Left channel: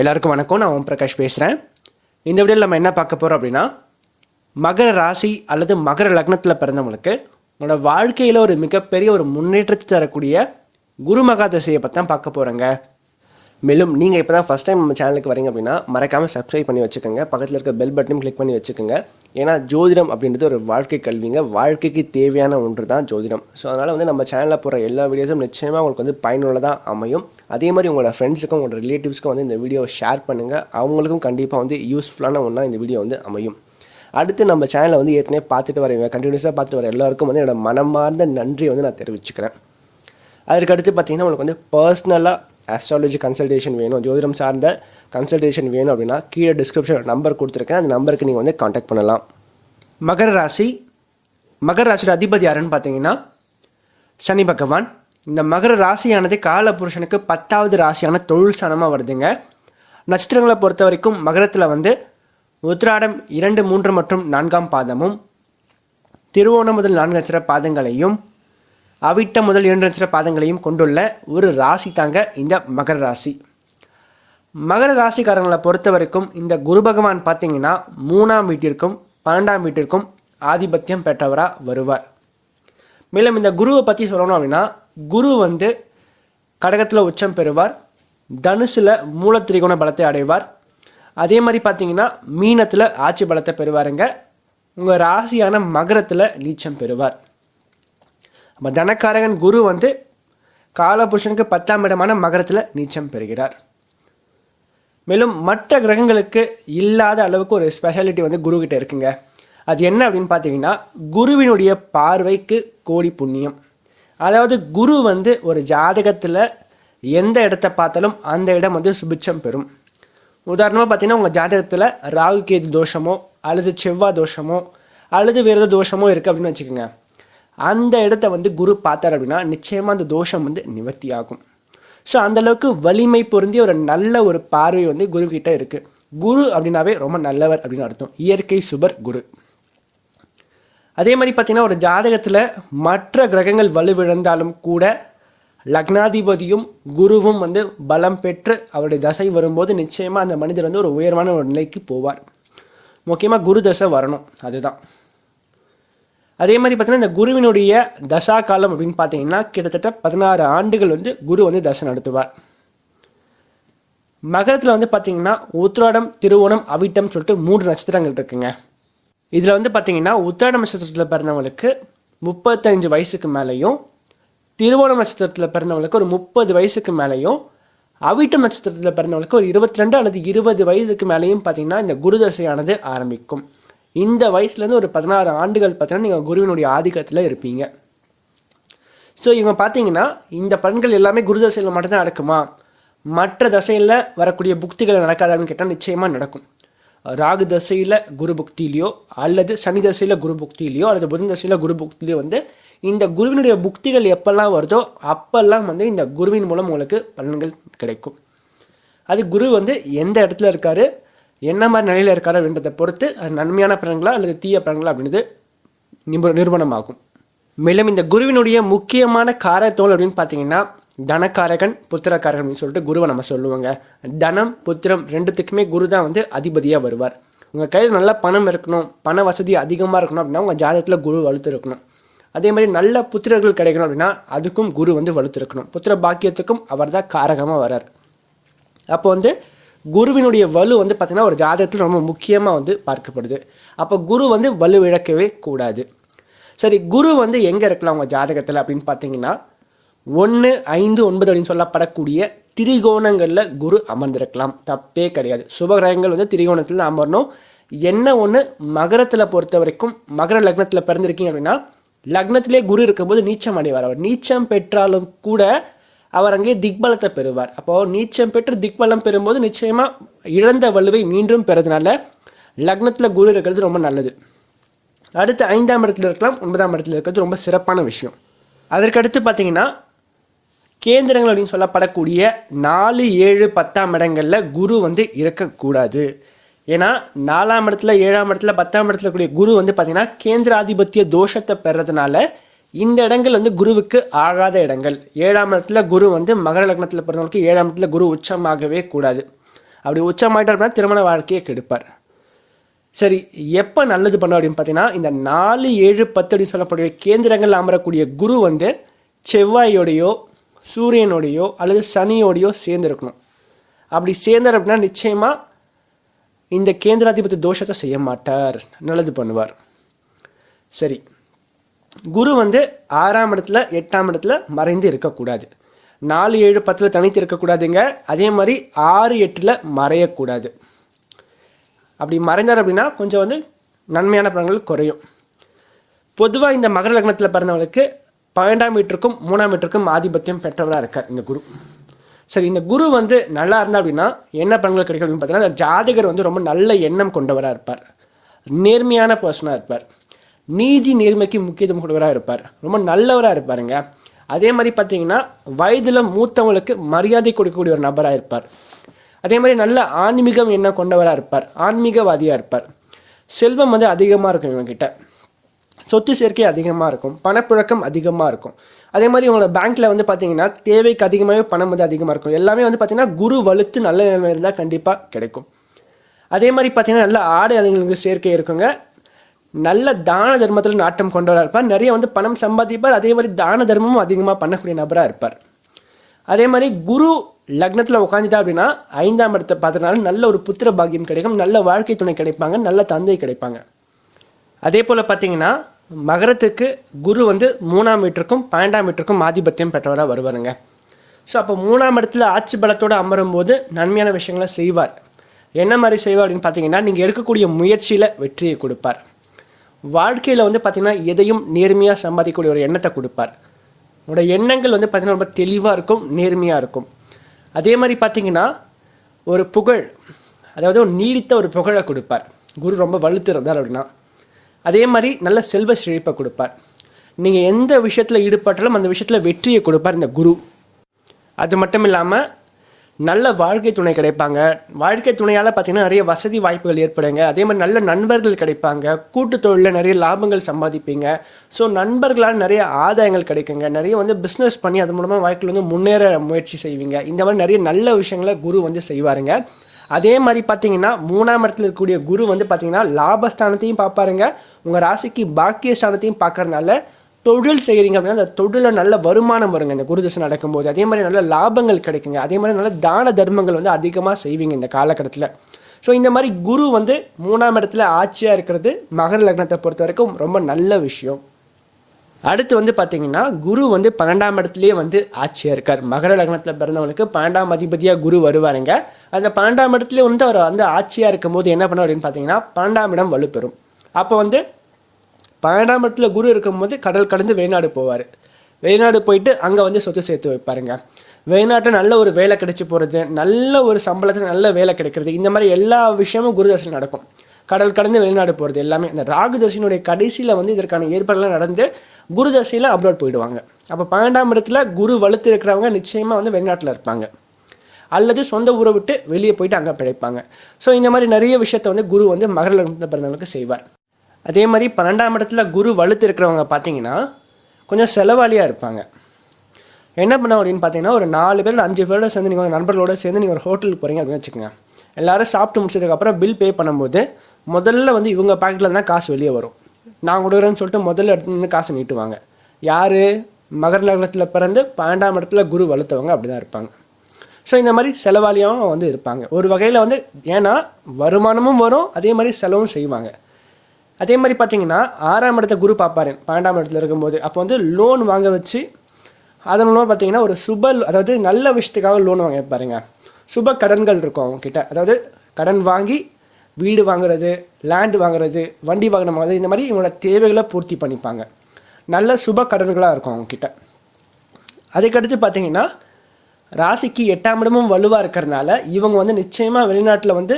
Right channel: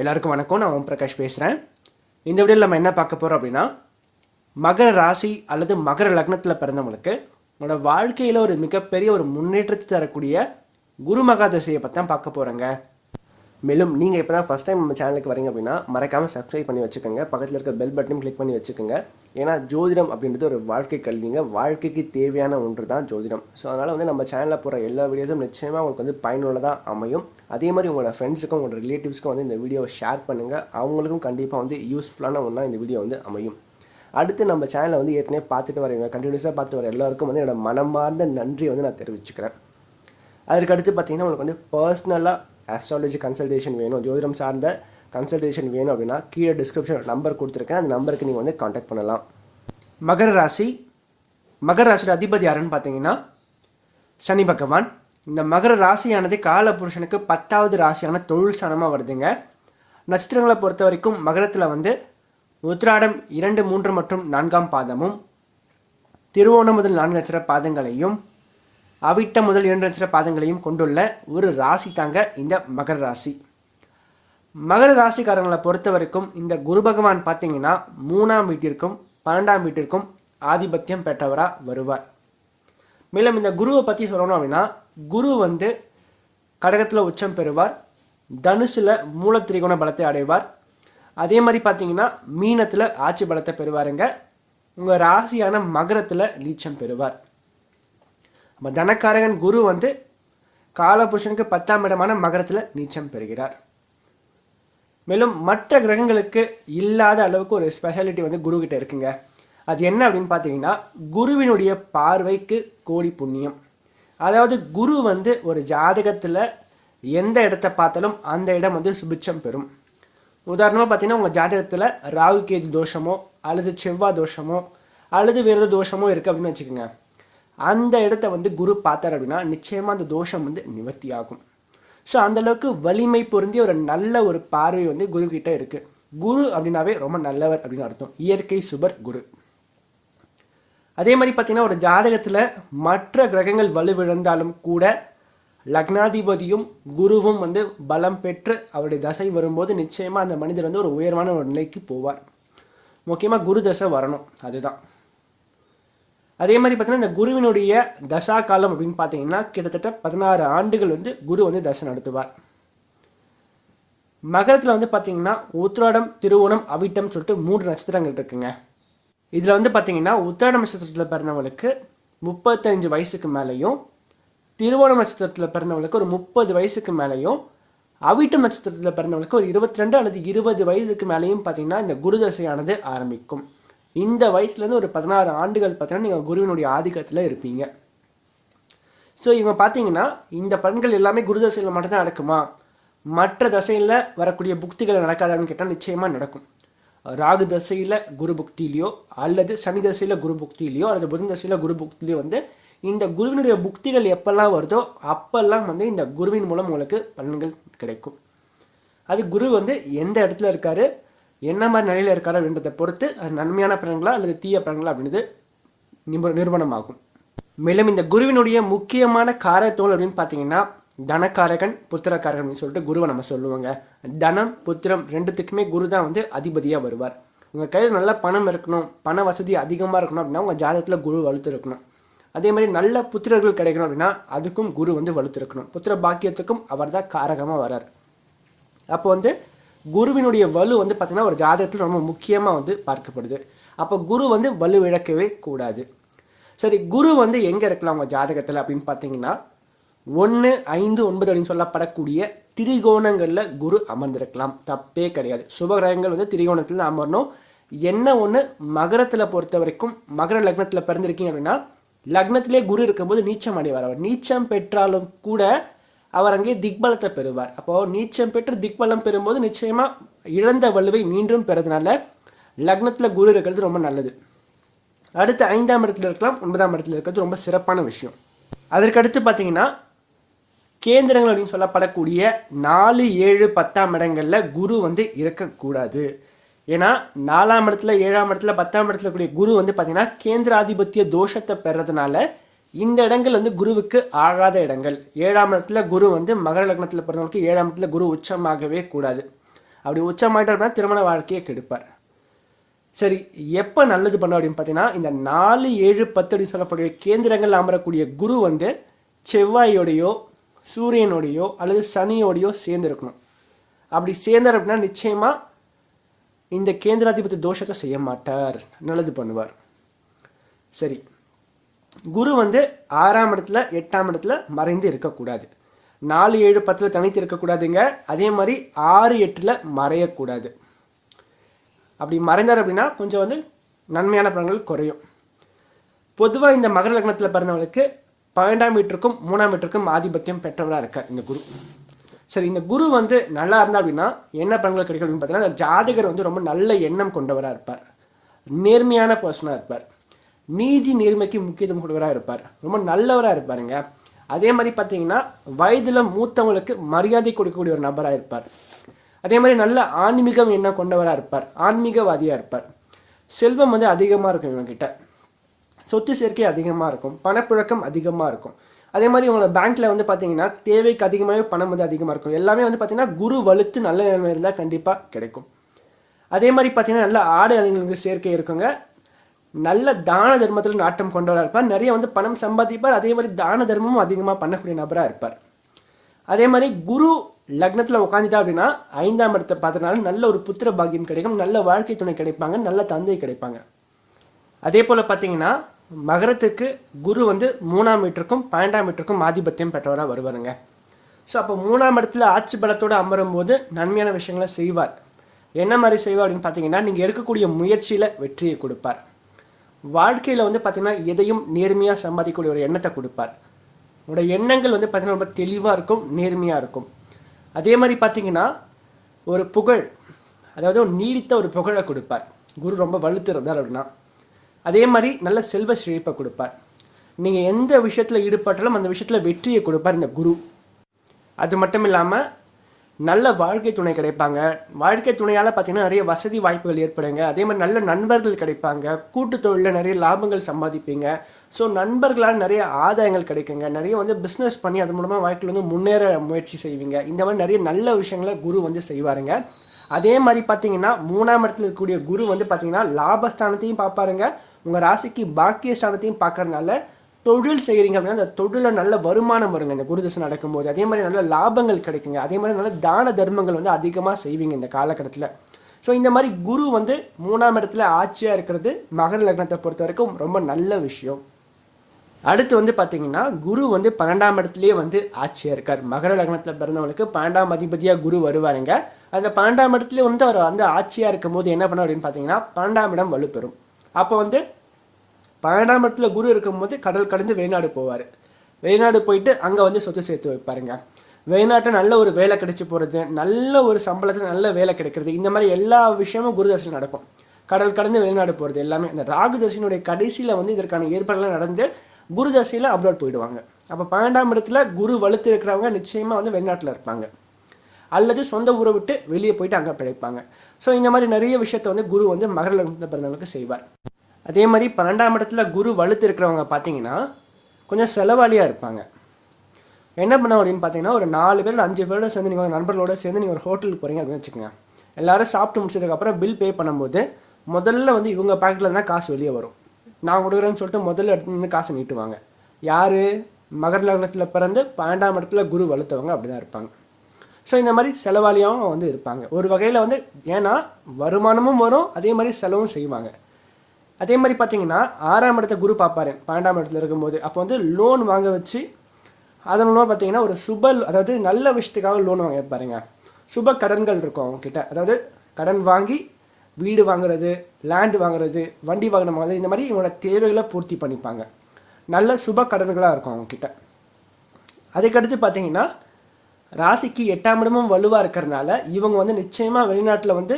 எல்லாருக்கும் வணக்கம். நான் ஓம் பிரகாஷ் பேசுகிறேன். இந்த வீடியோவில் நம்ம என்ன பார்க்க போகிறோம் அப்படின்னா, மகர ராசி அல்லது மகர லக்னத்தில் பிறந்தவங்களுக்கு உங்களோட வாழ்க்கையில் ஒரு மிகப்பெரிய ஒரு முன்னேற்றத்தை தரக்கூடிய குரு மகா தசையை பற்றி தான் பார்க்க போகிறேங்க. மேலும் நீங்கள் இப்போ தான் ஃபஸ்ட் டைம் நம்ம சேனலுக்கு வரீங்க அப்படின்னா மறக்காமல் சப்ஸ்கிரைப் பண்ணி வச்சுக்கோங்க. பக்கத்தில் இருக்க பெல் பட்டனும் கிளிக் பண்ணி வச்சுக்கோங்க. ஏன்னா ஜோதிடம் அப்படின்றது ஒரு வாழ்க்கை கல்விங்க. வாழ்க்கைக்கு தேவையான ஒன்று தான் ஜோதிடம். ஸோ அதனால் நம்ம சேனலில் போகிற எல்லா வீடியோஸும் நிச்சயமாக உங்களுக்கு பயனுள்ளதாக அமையும். அதே மாதிரி உங்களோட ஃப்ரெண்ட்ஸுக்கும் உங்களோட ரிலேட்டிவ்ஸ்க்கும் இந்த வீடியோவை ஷேர் பண்ணுங்கள். அவங்களுக்கும் கண்டிப்பாக யூஸ்ஃபுல்லான ஒன்றா இந்த வீடியோ அமையும். அடுத்து நம்ம சேனலை ஏற்கனவே பார்த்துட்டு வரீங்க, கண்டினியூஸாக பார்த்துட்டு வர எல்லாருக்கும் என்னோட மனமார்ந்த நன்றியை நான் தெரிவிச்சுக்கிறேன். அதற்கடுத்து பார்த்தீங்கன்னா உங்களுக்கு பர்சனலாக ஆஸ்ட்ராலஜி கன்சல்டேஷன் வேணும், ஜோதிடம் சார்ந்த கன்சல்டேஷன் வேணும் அப்படின்னா கீழே டிஸ்கிரிப்ஷன் நம்பர் கொடுத்துருக்கேன். அந்த நம்பருக்கு நீங்கள் காண்டாக்ட் பண்ணலாம். மகர ராசியோட அதிபதி யாருன்னு பார்த்தீங்கன்னா சனி பகவான். இந்த மகர ராசியானது கால புருஷனுக்கு 10வது ராசியான தொழில் ஸ்தானமாக வருதுங்க. நட்சத்திரங்களை பொறுத்த வரைக்கும் மகரத்தில் உத்திராடம் 2, 3 மற்றும் 4ஆம் பாதமும், திருவோணம் முதல் 4 நட்சத்திர பாதங்களையும், அவிட்டம் முதல் 2 நட்சத்திர பாதங்களையும் கொண்டுள்ள ஒரு ராசி தாங்க இந்த மகர ராசி. மகர ராசிக்காரங்களை பொறுத்த வரைக்கும் இந்த குரு பகவான் பார்த்தீங்கன்னா 3ஆம் வீட்டிற்கும் 12ஆம் வீட்டிற்கும் ஆதிபத்தியம் பெற்றவராக வருவார். மேலும் இந்த குருவை பற்றி சொல்லணும் அப்படின்னா, குரு கடகத்தில் உச்சம் பெறுவார், தனுசில் மூலத்திரிகோண பலத்தை அடைவார். அதே மாதிரி பார்த்தீங்கன்னா மீனத்தில் ஆட்சி பலத்தை பெறுவாருங்க. உங்கள் ராசியான மகரத்தில் நீச்சம் பெறுவார். நம்ம தனக்காரகன் குரு காலபுருஷனுக்கு 10ஆம் இடமான மகரத்தில் நீச்சம் பெறுகிறார். மேலும் மற்ற கிரகங்களுக்கு இல்லாத அளவுக்கு ஒரு ஸ்பெஷாலிட்டி குரு கிட்ட இருக்குங்க. அது என்ன அப்படின்னு பார்த்தீங்கன்னா, குருவினுடைய பார்வைக்கு கோடி புண்ணியம். அதாவது குரு ஒரு ஜாதகத்தில் எந்த இடத்த பார்த்தாலும் அந்த இடம் சுபிட்சம் பெறும். உதாரணமாக பார்த்தீங்கன்னா, உங்கள் ஜாதகத்தில் ராகு கேது தோஷமோ அல்லது செவ்வாய் தோஷமோ அல்லது வேறு ஏதோ தோஷமோ இருக்குது அப்படின்னு வச்சுக்கோங்க. அந்த இடத்த குரு பார்த்தார் அப்படின்னா நிச்சயமாக அந்த தோஷம் நிவர்த்தி ஆகும். ஸோ அந்தளவுக்கு வலிமை பொருந்திய ஒரு நல்ல ஒரு பார்வை குரு கிட்ட இருக்குது. குரு அப்படின்னாவே ரொம்ப நல்லவர் அப்படின்னு அர்த்தம். இயற்கை சுபர் குரு. அதே மாதிரி பார்த்தீங்கன்னா, ஒரு ஜாதகத்தில் மற்ற கிரகங்கள் வலுவிழந்தாலும் கூட லக்னாதிபதியும் குருவும் பலம் பெற்று அவருடைய தசை வரும்போது நிச்சயமாக அந்த மனிதர் ஒரு உயர்வான ஒரு நிலைக்கு போவார். முக்கியமாக குரு தசை வரணும், அதுதான். அதே மாதிரி பார்த்தீங்கன்னா, இந்த குருவினுடைய தசா காலம் அப்படின்னு பார்த்தீங்கன்னா கிட்டத்தட்ட 16 ஆண்டுகள் குரு தசை நடத்துவார். மகரத்தில் பார்த்தீங்கன்னா உத்திராடம், திருவோணம், அவிட்டம் சொல்லிட்டு 3 நட்சத்திரங்கள் இருக்குங்க. இதில் பார்த்தீங்கன்னா உத்திராடம் நட்சத்திரத்தில் பிறந்தவங்களுக்கு 35 வயசுக்கு மேலேயும், திருவோணம் நட்சத்திரத்தில் பிறந்தவங்களுக்கு ஒரு 30 வயசுக்கு மேலேயும், அவிட்டம் நட்சத்திரத்தில் பிறந்தவங்களுக்கு ஒரு 22 அல்லது 20 வயதுக்கு மேலேயும் பார்த்தீங்கன்னா இந்த குரு தசையானது ஆரம்பிக்கும். இந்த வயசுலேருந்து ஒரு 16 ஆண்டுகள் பார்த்தீங்கன்னா நீங்கள் குருவினுடைய ஆதிக்கத்தில் இருப்பீங்க. ஸோ இவங்க பார்த்தீங்கன்னா இந்த பலன்கள் எல்லாமே குரு தசையில் மட்டும்தான் நடக்குமா, மற்ற தசையில் வரக்கூடிய புக்திகள் நடக்காதான்னு கேட்டால் நிச்சயமாக நடக்கும். ராகு தசையில் குரு புக்தியிலையோ அல்லது சனி தசையில் குரு புக்தியிலையோ அல்லது புதன் தசையில் குரு புக்தியிலையோ இந்த குருவினுடைய புக்திகள் எப்பெல்லாம் வருதோ அப்பெல்லாம் இந்த குருவின் மூலம் உங்களுக்கு பலன்கள் கிடைக்கும். அது குரு எந்த இடத்துல இருக்காரு, என்ன மாதிரி நிலையில் இருக்காரு அப்படின்றத பொறுத்து அது நன்மையான பலன்களா அல்லது தீய பலன்களா அப்படின்றது நிறுவனமாகும். மேலும் இந்த குருவினுடைய முக்கியமான காரத்தோல் அப்படின்னு பார்த்தீங்கன்னா தனக்காரகன், புத்திரக்காரகன் அப்படின்னு சொல்லிட்டு குருவை நம்ம சொல்லுவாங்க. தனம், புத்திரம் ரெண்டுத்துக்குமே குரு தான் அதிபதியாக வருவார். உங்கள் கையில் நல்ல பணம் இருக்கணும், பண வசதி அதிகமாக இருக்கணும் அப்படின்னா உங்கள் ஜாதகத்தில் குரு வலுத்து இருக்கணும். அதே மாதிரி நல்ல புத்திரர்கள் கிடைக்கணும் அப்படின்னா அதுக்கும் குரு வலுத்து இருக்கணும். புத்திர பாக்கியத்துக்கும் அவர் தான் காரகமாக வரார். அப்போ குருவினுடைய வலு பார்த்தீங்கன்னா ஒரு ஜாதகத்தில் ரொம்ப முக்கியமாக பார்க்கப்படுது. அப்போ குரு வலு இழக்கவே கூடாது. சரி, குரு எங்கே இருக்கலாம் உங்கள் ஜாதகத்தில் அப்படின்னு பார்த்தீங்கன்னா 1, 5, 9 அப்படின்னு சொல்லப்படக்கூடிய திரிகோணங்களில் குரு அமர்ந்திருக்கலாம், தப்பே கிடையாது. சுபகிரகங்கள் திரிகோணத்தில் அமரணும். என்ன ஒன்று, மகரத்தில் பொறுத்த வரைக்கும் மகர லக்னத்தில் பிறந்திருக்கீங்க அப்படின்னா லக்னத்திலே குரு இருக்கும்போது நீச்சம் அடைவார். அவர் நீச்சம் பெற்றாலும் கூட அவர் அங்கே திக்பலத்தை பெறுவார். அப்போது நீச்சம் பெற்று திக்பலம் பெறும்போது நிச்சயமாக இழந்த வலுவை மீண்டும் பெறதுனால லக்னத்தில் குரு இருக்கிறது ரொம்ப நல்லது. அடுத்து 5ஆம் இடத்துல இருக்கலாம், 9ஆம் இடத்துல இருக்கிறது ரொம்ப சிறப்பான விஷயம். அதற்கடுத்து பார்த்தீங்கன்னா கேந்திரங்கள் அப்படின்னு சொல்லப்படக்கூடிய 4, 7, 10ஆம் இடங்களில் குரு இருக்கக்கூடாது. ஏன்னா 4ஆம் இடத்துல, 7ஆம் இடத்துல, 10ஆம் இடத்துல கூடிய குரு பார்த்தீங்கன்னா கேந்திராதிபத்திய தோஷத்தை பெறதுனால இந்த இடங்கள் குருவுக்கு ஆகாத இடங்கள். 7ஆம் இடத்துல குரு மகர லக்னத்தில் பிறந்தவங்களுக்கு 7ஆம் இடத்துல குரு உச்சமாகவே கூடாது. அப்படி உச்சமாயிட்டார் அப்படின்னா திருமண வாழ்க்கையை கெடுப்பார். சரி, எப்போ நல்லது பண்ண அப்படின்னு பார்த்தீங்கன்னா, இந்த 4, 7, 10 அப்படின்னு சொல்லக்கூடிய கேந்திரங்கள் அமரக்கூடிய குரு வந்து செவ்வாயோடையோ சூரியனோடையோ அல்லது சனியோடையோ சேர்ந்துருக்கணும். அப்படி சேர்ந்தார் அப்படின்னா நிச்சயமாக இந்த கேந்திராதிபதி தோஷத்தை செய்ய மாட்டார், நல்லது பண்ணுவார். சரி, குரு வந்து 6ஆம் இடத்துல 8ஆம் இடத்துல மறைந்து இருக்கக்கூடாது. 4, 7, 10 தனித்து இருக்கக்கூடாதுங்க. அதே மாதிரி 6, 8 மறையக்கூடாது. அப்படி மறைந்தார் அப்படின்னா கொஞ்சம் வந்து நன்மையான பலன்கள் குறையும். பொதுவாக இந்த மகர லக்னத்தில் பிறந்தவங்களுக்கு 12ஆம் வீட்டிற்கும் 3ஆம் வீட்டிற்கும் ஆதிபத்தியம் பெற்றவராக இருக்கார் இந்த குரு. சரி, இந்த குரு வந்து நல்லா இருந்தால் அப்படின்னா என்ன பலன்கள் கிடைக்கும் அப்படின்னு பார்த்தீங்கன்னா, அந்த ஜாதகர் வந்து ரொம்ப நல்ல எண்ணம் கொண்டவராக இருப்பார், நேர்மையான பர்சனாக இருப்பார், நீதி நேர்மைக்கு முக்கியத்துவம் கொடுக்கவராக இருப்பார், ரொம்ப நல்லவராக இருப்பாருங்க. அதே மாதிரி பார்த்தீங்கன்னா வயதில் மூத்தவங்களுக்கு மரியாதை கொடுக்கக்கூடிய ஒரு நபராக இருப்பார். அதே மாதிரி நல்ல ஆன்மீகம் எண்ணம் கொண்டவராக இருப்பார், ஆன்மீகவாதியாக இருப்பார். செல்வம் வந்து அதிகமாக இருக்கும் இவங்ககிட்ட, சொத்து சேர்க்கை அதிகமாக இருக்கும், பணப்புழக்கம் அதிகமாக இருக்கும். அதே மாதிரி இவங்களோட பேங்க்கில் வந்து பார்த்தீங்கன்னா தேவைக்கு அதிகமாகவே பணம் வந்து அதிகமாக இருக்கும். எல்லாமே வந்து பார்த்தீங்கன்னா குரு வலுத்து நல்ல நிலைமை இருந்தால் கண்டிப்பாக கிடைக்கும். அதே மாதிரி பார்த்தீங்கன்னா நல்ல ஆடை அணிகளுக்கு சேர்க்கை இருக்குங்க. நல்ல தான தர்மத்தில் நாட்டம் கொண்டவராக இருப்பார், நிறைய வந்து பணம் சம்பாதிப்பார். அதே மாதிரி தான தர்மமும் அதிகமாக பண்ணக்கூடிய நபராக இருப்பார். அதே மாதிரி குரு லக்னத்தில் உட்காந்துட்டா அப்படின்னா 5ஆம் இடத்தை பார்த்ததுனால நல்ல ஒரு புத்திர பாக்கியம் கிடைக்கும், நல்ல வாழ்க்கை துணை கிடைப்பாங்க, நல்ல தந்தை கிடைப்பாங்க. அதே போல் பார்த்தீங்கன்னா மகரத்துக்கு குரு வந்து 3ஆம் வீட்டிற்கும் 12ஆம் வீட்டிற்கும் ஆதிபத்தியம் பெற்றவராக வருவாருங்க. ஸோ அப்போ 3ஆம் இடத்துல ஆட்சி பலத்தோடு அமரும் போது நன்மையான விஷயங்களை செய்வார். என்ன மாதிரி செய்வார் அப்படின்னு பார்த்தீங்கன்னா, நீங்கள் எடுக்கக்கூடிய முயற்சியில் வெற்றியை கொடுப்பார். வாழ்க்கையில் வந்து பார்த்திங்கன்னா எதையும் நேர்மையாக சம்பாதிக்கக்கூடிய ஒரு எண்ணத்தை கொடுப்பார். உங்களோட எண்ணங்கள் வந்து பார்த்திங்கன்னா ரொம்ப தெளிவாக இருக்கும், நேர்மையாக இருக்கும். அதே மாதிரி பார்த்திங்கன்னா ஒரு புகழ், அதாவது ஒரு நீடித்த ஒரு புகழை கொடுப்பார் குரு ரொம்ப வலுத்து இருந்தார் அப்படின்னா. அதே மாதிரி நல்ல செல்வ செழிப்பை கொடுப்பார். நீங்கள் எந்த விஷயத்தில் ஈடுபட்டாலும் அந்த விஷயத்தில் வெற்றியை கொடுப்பார் இந்த குரு. அது மட்டும் இல்லாமல் நல்ல வாழ்க்கை துணை கிடைப்பாங்க. வாழ்க்கை துணையால் பார்த்திங்கன்னா நிறைய வசதி வாய்ப்புகள் ஏற்படுங்க. அதே மாதிரி நல்ல நண்பர்கள் கிடைப்பாங்க. கூட்டு தொழிலில் நிறைய லாபங்கள் சம்பாதிப்பீங்க. ஸோ நண்பர்களால் நிறைய ஆதாயங்கள் கிடைக்குங்க. நிறைய வந்து பிஸ்னஸ் பண்ணி அது மூலமாக வாழ்க்கையில் வந்து முன்னேற முயற்சி செய்வீங்க. இந்த மாதிரி நிறைய நல்ல விஷயங்களை குரு வந்து செய்வாருங்க. அதே மாதிரி பார்த்தீங்கன்னா 3ஆம் இடத்துல இருக்கக்கூடிய குரு வந்து பார்த்தீங்கன்னா லாபஸ்தானத்தையும் பார்ப்பாருங்க. உங்கள் ராசிக்கு பாக்கியஸ்தானத்தையும் பார்க்கறதுனால தொழில் செய்கிறீங்க அப்படின்னா அந்த தொழிலில் நல்ல வருமானம் வருங்க இந்த குரு தசை நடக்கும்போது. அதே மாதிரி நல்ல லாபங்கள் கிடைக்குங்க. அதே மாதிரி நல்ல தான தர்மங்கள் வந்து அதிகமாக செய்வீங்க இந்த காலகட்டத்தில். ஸோ இந்த மாதிரி குரு வந்து 3ஆம் இடத்துல ஆட்சியாக இருக்கிறது மகர லக்னத்தை பொறுத்த வரைக்கும் ரொம்ப நல்ல விஷயம். அடுத்து வந்து பார்த்தீங்கன்னா குரு வந்து 12ஆம் இடத்துலேயே வந்து ஆட்சியாக இருக்கார். மகர லக்னத்தில் பிறந்தவங்களுக்கு 12ஆம் அதிபதியாக குரு வருவாருங்க. அந்த 12ஆம் இடத்துலேயே வந்து அவர் வந்து ஆட்சியாக இருக்கும் போது என்ன பண்ணுவார் அப்படின்னு பார்த்தீங்கன்னா 12ஆம் இடம் வலுப்பெறும். அப்போ வந்து 12ஆம் இடத்துல குரு இருக்கும்போது கடல் கடந்து வெளிநாடு போவார். வெளிநாடு போயிட்டு அங்கே வந்து சொத்து சேர்த்து வைப்பாருங்க. வெளிநாட்டில் நல்ல ஒரு வேலை கிடைச்சி போகிறது, நல்ல ஒரு சம்பளத்துக்கு நல்ல வேலை கிடைக்கிறது, இந்த மாதிரி எல்லா விஷயமும் குரு தசையில் நடக்கும். கடல் கடந்து வெளிநாடு போகிறது எல்லாமே இந்த ராகு தசையினுடைய கடைசியில் வந்து இதற்கான ஏற்பாடுலாம் நடந்து குரு தசையில் அப்ராட் போயிடுவாங்க. அப்போ 12ஆம் இடத்துல குரு வலுத்து இருக்கிறவங்க நிச்சயமாக வந்து வெளிநாட்டில் இருப்பாங்க அல்லது சொந்த ஊரை விட்டு வெளியே போயிட்டு அங்கே பிழைப்பாங்க. ஸோ இந்த மாதிரி நிறைய விஷயத்தை வந்து குரு வந்து மகர லக்னத்தில் பிறந்தவங்களுக்கு செய்வார். அதே மாதிரி 12ஆம் இடத்துல குரு வலுத்து இருக்கிறவங்க பார்த்தீங்கன்னா கொஞ்சம் செலவாளியாக இருப்பாங்க. என்ன பண்ண அப்படின்னு பார்த்தீங்கன்னா ஒரு 4 பேர் 5 பேரோட சேர்ந்து நீங்கள் நண்பர்களோட சேர்ந்து நீங்கள் ஒரு ஹோட்டலுக்கு போகிறீங்க அப்படின்னு வச்சுக்கோங்க. எல்லோரும் சாப்பிட்டு முடிச்சதுக்கப்புறம் பில் பே பண்ணும்போது முதல்ல வந்து இவங்க பாக்கெட்டில் தான் காசு வெளியே வரும். நான் கொடுக்குறேன்னு சொல்லிட்டு முதல்ல எடுத்து காசு நீட்டுவாங்க. யார்? மகர லக்னத்தில் பிறந்து 12ஆம் இடத்துல குரு வலுத்தவங்க அப்படி தான் இருப்பாங்க. ஸோ இந்த மாதிரி செலவாளியாகவும் வந்து இருப்பாங்க ஒரு வகையில் வந்து. ஏன்னா வருமானமும் வரும், அதே மாதிரி செலவும் செய்வாங்க. அதே மாதிரி பார்த்தீங்கன்னா 6ஆம் இடத்த குரு பார்ப்பாரு 12ஆம் இடத்துல இருக்கும்போது. அப்போ வந்து லோன் வாங்க வச்சு அதன் மூலமாக பார்த்தீங்கன்னா ஒரு அதாவது நல்ல விஷயத்துக்காக லோன் வாங்க வைப்பாருங்க. சுப கடன்கள் இருக்கும் அவங்கக்கிட்ட. அதாவது கடன் வாங்கி வீடு வாங்குறது, லேண்டு வாங்குறது, வண்டி வாகனம் வாங்குறது, இந்த மாதிரி இவங்களோட தேவைகளை பூர்த்தி பண்ணிப்பாங்க. நல்ல சுப கடன்களாக இருக்கும் அவங்கக்கிட்ட. அதுக்கடுத்து பார்த்தீங்கன்னா ராசிக்கு 8ஆம் இடமும் வலுவாக இருக்கிறதுனால இவங்க வந்து நிச்சயமாக வெளிநாட்டில் வந்து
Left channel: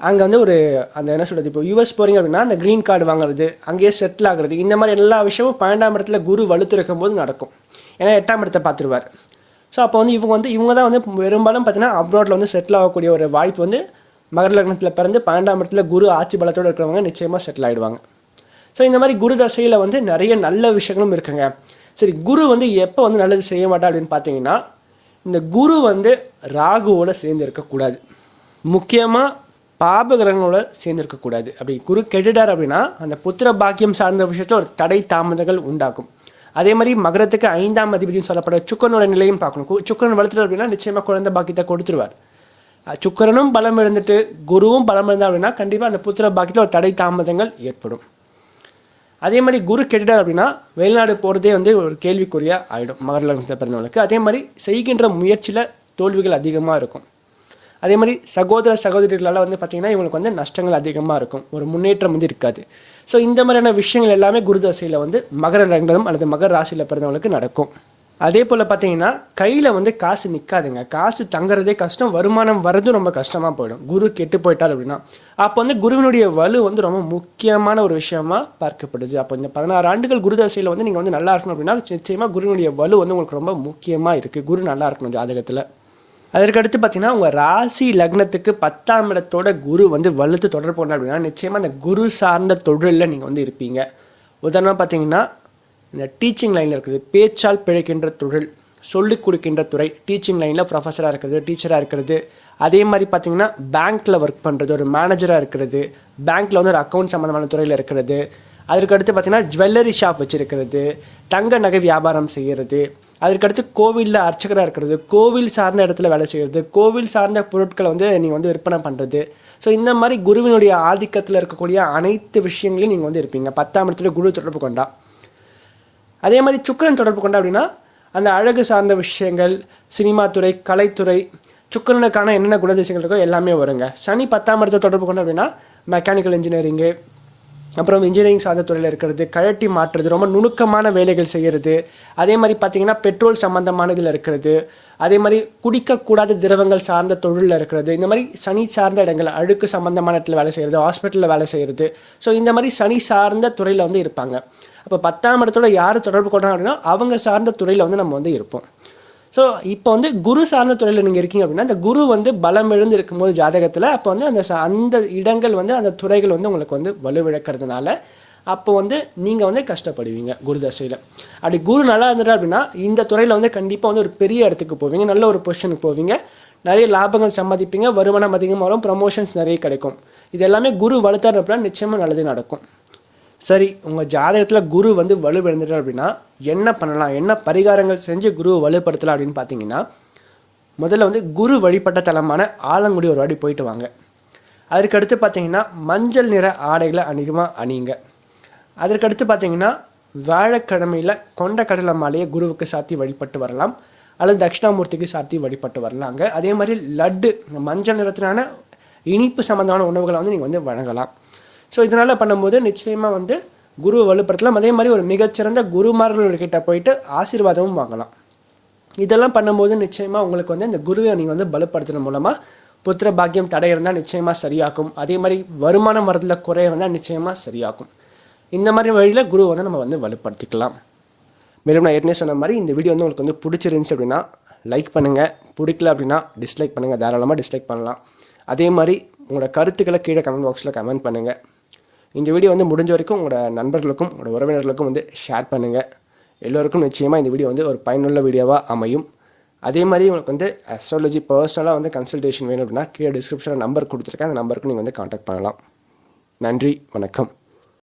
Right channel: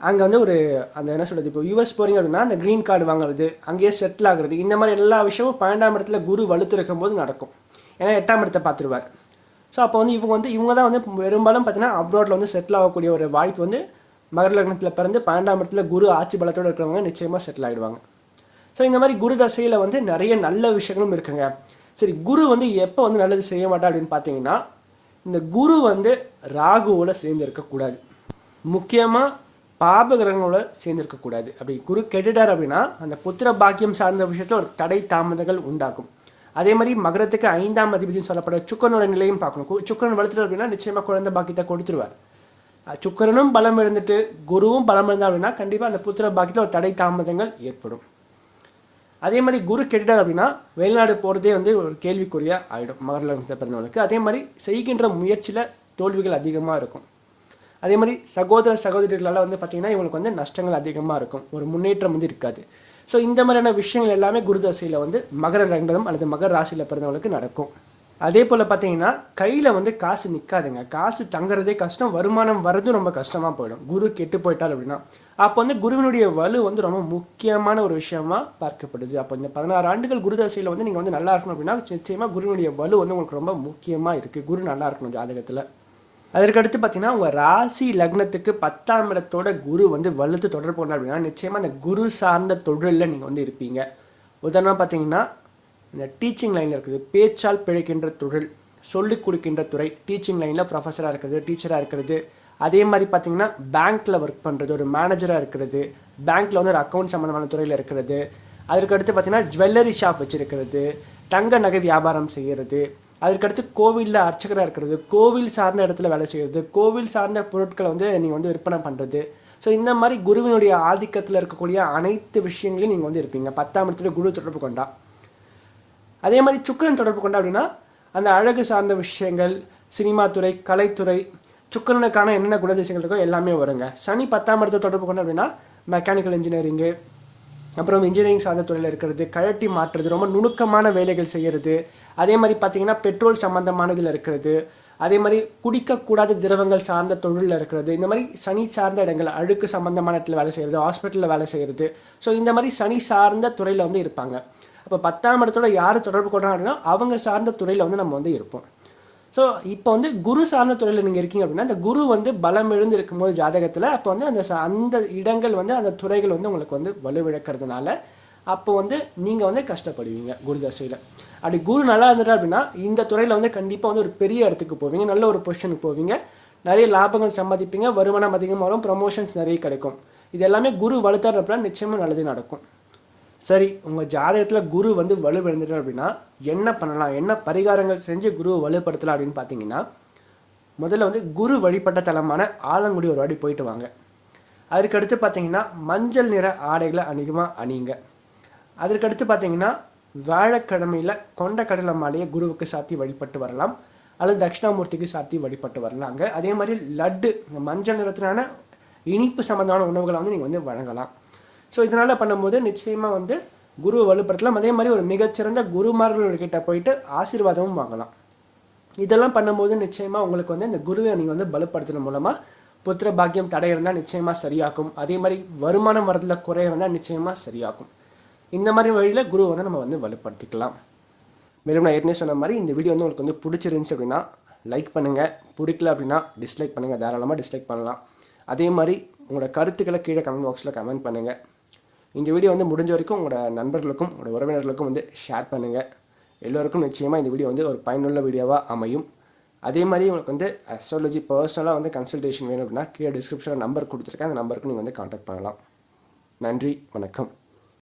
அங்கே வந்து ஒரு அந்த என்ன சொல்கிறது, இப்போ யூஎஸ் போகிறீங்க அப்படின்னா அந்த க்ரீன் கார்டு வாங்குறது, அங்கேயே செட்டில் ஆகுறது, இந்த மாதிரி எல்லா விஷயமும் 12ஆம் இடத்துல குரு வலுத்து இருக்கும்போது நடக்கும். ஏன்னா 8ஆம் இடத்தை பார்த்துருவார். ஸோ அப்போ வந்து இவங்க தான் வந்து பெரும்பாலும் பார்த்தீங்கன்னா அப்ராடில் வந்து செட்டில் ஆகக்கூடிய ஒரு வாய்ப்பு வந்து மகர லக்னத்தில் பிறந்து 12ஆம் இடத்துல குரு ஆட்சி பலத்தோடு இருக்கிறவங்க நிச்சயமாக செட்டில் ஆகிடுவாங்க. ஸோ இந்த மாதிரி குரு தசையில் வந்து நிறைய நல்ல விஷயங்களும் இருக்குங்க. சரி, குரு வந்து எப்போ வந்து நல்லது செய்ய மாட்டா அப்படின்னு பார்த்தீங்கன்னா இந்த குரு வந்து ராகுவோடு சேர்ந்து இருக்கக்கூடாது. முக்கியமாக பாபகிரகங்களோட சேர்ந்துருக்கக்கூடாது. அப்படி குரு கெட்டுட்டார் அப்படின்னா அந்த புத்திர பாக்கியம் சார்ந்த விஷயத்தில் ஒரு தடை தாமதங்கள் உண்டாகும். அதே மாதிரி மகரத்துக்கு 5ஆம் அதிபதினு சொல்லப்பட சுக்கரனோட நிலையும் பார்க்கணும். சுக்கரன் வளர்த்துட்டு அப்படின்னா நிச்சயமாக குழந்தை பாக்கியத்தை கொடுத்துருவார். சுக்கரனும் பலம் இருந்துட்டு குருவும் பலம் இருந்தால் அப்படின்னா கண்டிப்பாக அந்த புத்திர பாக்கியத்தில் ஒரு தடை தாமதங்கள் ஏற்படும். அதே மாதிரி குரு கெட்டுட்டார் அப்படின்னா வெளிநாடு போகிறதே ஒரு கேள்விக்குறியாக ஆகிடும் மகர லக்னத்தில் பிறந்தவங்களுக்கு. அதே மாதிரி செய்கின்ற முயற்சியில் தோல்விகள் அதிகமாக இருக்கும். அதே மாதிரி சகோதர சகோதரிகளால் பார்த்திங்கன்னா இவங்களுக்கு நஷ்டங்கள் அதிகமாக இருக்கும், ஒரு முன்னேற்றம் இருக்காது. ஸோ இந்த மாதிரியான விஷயங்கள் எல்லாமே குரு தசையில் மகர லக்னம் அல்லது மகர ராசியில் பிறந்தவங்களுக்கு நடக்கும். அதே போல் பார்த்தீங்கன்னா கையில் காசு நிற்காதுங்க, காசு தங்குறதே கஷ்டம், வருமானம் வர்றதும் ரொம்ப கஷ்டமாக போயிடும் குரு கெட்டு போயிட்டார் அப்படின்னா. அப்போ குருவினுடைய வலு ரொம்ப முக்கியமான ஒரு விஷயமா பார்க்கப்படுது. அப்போ இந்த 16 ஆண்டுகள் குரு தசையில் நீங்கள் நல்லா இருக்கணும் அப்படின்னா நிச்சயமாக குருவினுடைய வலு உங்களுக்கு ரொம்ப முக்கியமாக இருக்குது. குரு நல்லா இருக்கணும் ஜாதகத்தில். அதற்கடுத்து பார்த்தீங்கன்னா உங்கள் ராசி லக்னத்துக்கு 10ஆம் இடத்தோட குரு வலுத்து தொடர்பு கொண்டார் அப்படின்னா நிச்சயமாக அந்த குரு சார்ந்த தொழிலில் நீங்கள் இருப்பீங்க. உதாரணமாக பார்த்தீங்கன்னா இந்த டீச்சிங் லைனில் இருக்குது, பேச்சால் பிழைக்கின்ற தொழில், சொல்லிக் கொடுக்கின்ற துறை, டீச்சிங் லைனில் ப்ரொஃபஸராக இருக்கிறது, டீச்சராக இருக்கிறது. அதே மாதிரி பார்த்திங்கன்னா பேங்க்கில் ஒர்க் பண்ணுறது, ஒரு மேனேஜராக இருக்கிறது, பேங்க்கில் ஒரு அக்கௌண்ட் சம்மந்தமான துறையில் இருக்கிறது. அதற்கடுத்து பார்த்திங்கன்னா ஜுவல்லரி ஷாப் வச்சுருக்கிறது, தங்க நகை வியாபாரம் செய்கிறது. அதற்கடுத்து கோவிலில் அர்ச்சகராக இருக்கிறது, கோவில் சார்ந்த இடத்துல வேலை செய்கிறது, கோவில் சார்ந்த பொருட்களை நீங்கள் விற்பனை பண்ணுறது. ஸோ இந்த மாதிரி குருவினுடைய ஆதிக்கத்தில் இருக்கக்கூடிய அனைத்து விஷயங்களையும் நீங்கள் இருப்பீங்க 10ஆம் இடத்துல குரு தொடர்பு கொண்டா. அதே மாதிரி சுக்கிரன் தொடர்பு கொண்டா அப்படின்னா அந்த அழகு சார்ந்த விஷயங்கள், சினிமா துறை, கலைத்துறை, சுக்கிரனுக்கான என்னென்ன குணதிசைகள் இருக்கோ எல்லாமே வருங்க. சனி 10ஆம் இடத்தை தொடர்பு கொண்டா அப்படின்னா மெக்கானிக்கல் இன்ஜினியரிங்கு, அப்புறம் இன்ஜினியரிங் சார்ந்த துறையில் இருக்கிறது, கழட்டி மாற்றுறது, ரொம்ப நுணுக்கமான வேலைகள் செய்கிறது. அதே மாதிரி பார்த்திங்கன்னா பெட்ரோல் சம்மந்தமான இதில் இருக்கிறது. அதே மாதிரி குடிக்கக்கூடாத திரவங்கள் சார்ந்த தொழிலில் இருக்கிறது. இந்த மாதிரி சனி சார்ந்த இடங்கள், அழுக்கு சம்மந்தமான இடத்துல வேலை செய்கிறது, ஹாஸ்பிட்டலில் வேலை செய்கிறது. ஸோ இந்த மாதிரி சனி சார்ந்த துறையில் இருப்பாங்க. அப்போ 10ஆம் இடத்தோட யார் தொடர்பு கொள்றாங்க அப்படின்னா அவங்க சார்ந்த துறையில் நம்ம இருப்போம். ஸோ இப்போ குரு சார்ந்த துறையில் நீங்கள் இருக்கீங்க அப்படின்னா அந்த குரு பலம் எழுந்து இருக்கும்போது ஜாதகத்தில் அப்போ அந்த இடங்கள் அந்த துறைகள் உங்களுக்கு வலுவிழக்கிறதுனால அப்போ நீங்கள் கஷ்டப்படுவீங்க குரு தசையில். அப்படி குரு நல்லா இருந்துட்டா அப்படின்னா இந்த துறையில் கண்டிப்பாக ஒரு பெரிய இடத்துக்கு போவீங்க, நல்ல ஒரு பொசிஷனுக்கு போவீங்க, நிறைய லாபங்கள் சம்பாதிப்பீங்க, வருமானம் அதிகமாக வரும், ப்ரமோஷன்ஸ் நிறைய கிடைக்கும். இது எல்லாமே குரு வலுத்தார் அப்படின்னா நிச்சயமாக நல்லது நடக்கும். சரி, உங்கள் ஜாதகத்தில் குரு வலுவிழந்துட்டார் அப்படின்னா என்ன பண்ணலாம், என்ன பரிகாரங்கள் செஞ்சு குருவை வலுப்படுத்தலாம் அப்படின்னு பார்த்தீங்கன்னா முதல்ல குரு வழிபட்ட தலமான ஆலங்குடி ஒரு வாட்டி போயிட்டு வாங்க. அதற்கடுத்து பார்த்தீங்கன்னா மஞ்சள் நிற ஆடைகளை அதிகமாக அணியுங்க. அதற்கடுத்து பார்த்தீங்கன்னா வியாழக்கிழமையில் கொண்ட கடலை மாலையை குருவுக்கு சாத்தி வழிபட்டு வரலாம், அல்லது தட்சிணாமூர்த்திக்கு சாத்தி வழிபட்டு வரலாங்க. அதே மாதிரி லட்டு, மஞ்சள் நிறத்திலான இனிப்பு சம்மந்தமான உணவுகளை நீங்கள் வழங்கலாம். ஸோ இதனால் பண்ணும்போது நிச்சயமாக குருவை வலுப்படுத்தலாம். அதே மாதிரி ஒரு மிகச்சிறந்த குருமார்கள்கிட்ட போயிட்டு ஆசீர்வாதமும் வாங்கலாம். இதெல்லாம் பண்ணும்போது நிச்சயமாக உங்களுக்கு இந்த குருவை நீங்கள் பலப்படுத்துறது மூலமாக புத்திர பாக்கியம் தடை இருந்தால் நிச்சயமாக சரியாக்கும். அதே மாதிரி வருமானம் வரதில் குறை இருந்தால் நிச்சயமாக சரியாக்கும். இந்த மாதிரி வழியில் குருவை நம்ம வலுப்படுத்திக்கலாம். மேலும் நான் ஏற்கனவே சொன்ன மாதிரி இந்த வீடியோ உங்களுக்கு பிடிச்சிருந்துச்சு அப்படின்னா லைக் பண்ணுங்கள், பிடிக்கல அப்படின்னா டிஸ்லைக் பண்ணுங்கள், தாராளமாக டிஸ்லைக் பண்ணலாம். அதே மாதிரி உங்களோட கருத்துக்களை கீழே கமெண்ட் பாக்ஸில் கமெண்ட் பண்ணுங்கள். இந்த வீடியோ முடிஞ்ச வரைக்கும் உங்களோட நண்பர்களுக்கும் உங்களோட உறவினர்களுக்கும் ஷேர் பண்ணுங்கள். எல்லோருக்கும் நிச்சயமாக இந்த வீடியோ ஒரு பயனுள்ள வீடியோவாக அமையும். அதே மாதிரி உங்களுக்கு அஸ்ட்ராலஜி பர்சனலாக கன்சல்டேஷன் வேணும் அப்படின்னா கீழே டிஸ்கிரிப்ஷனில் நம்பர் கொடுத்துருக்கேன், அந்த நம்பருக்கு நீங்கள் காண்டாக்ட் பண்ணலாம். நன்றி, வணக்கம்.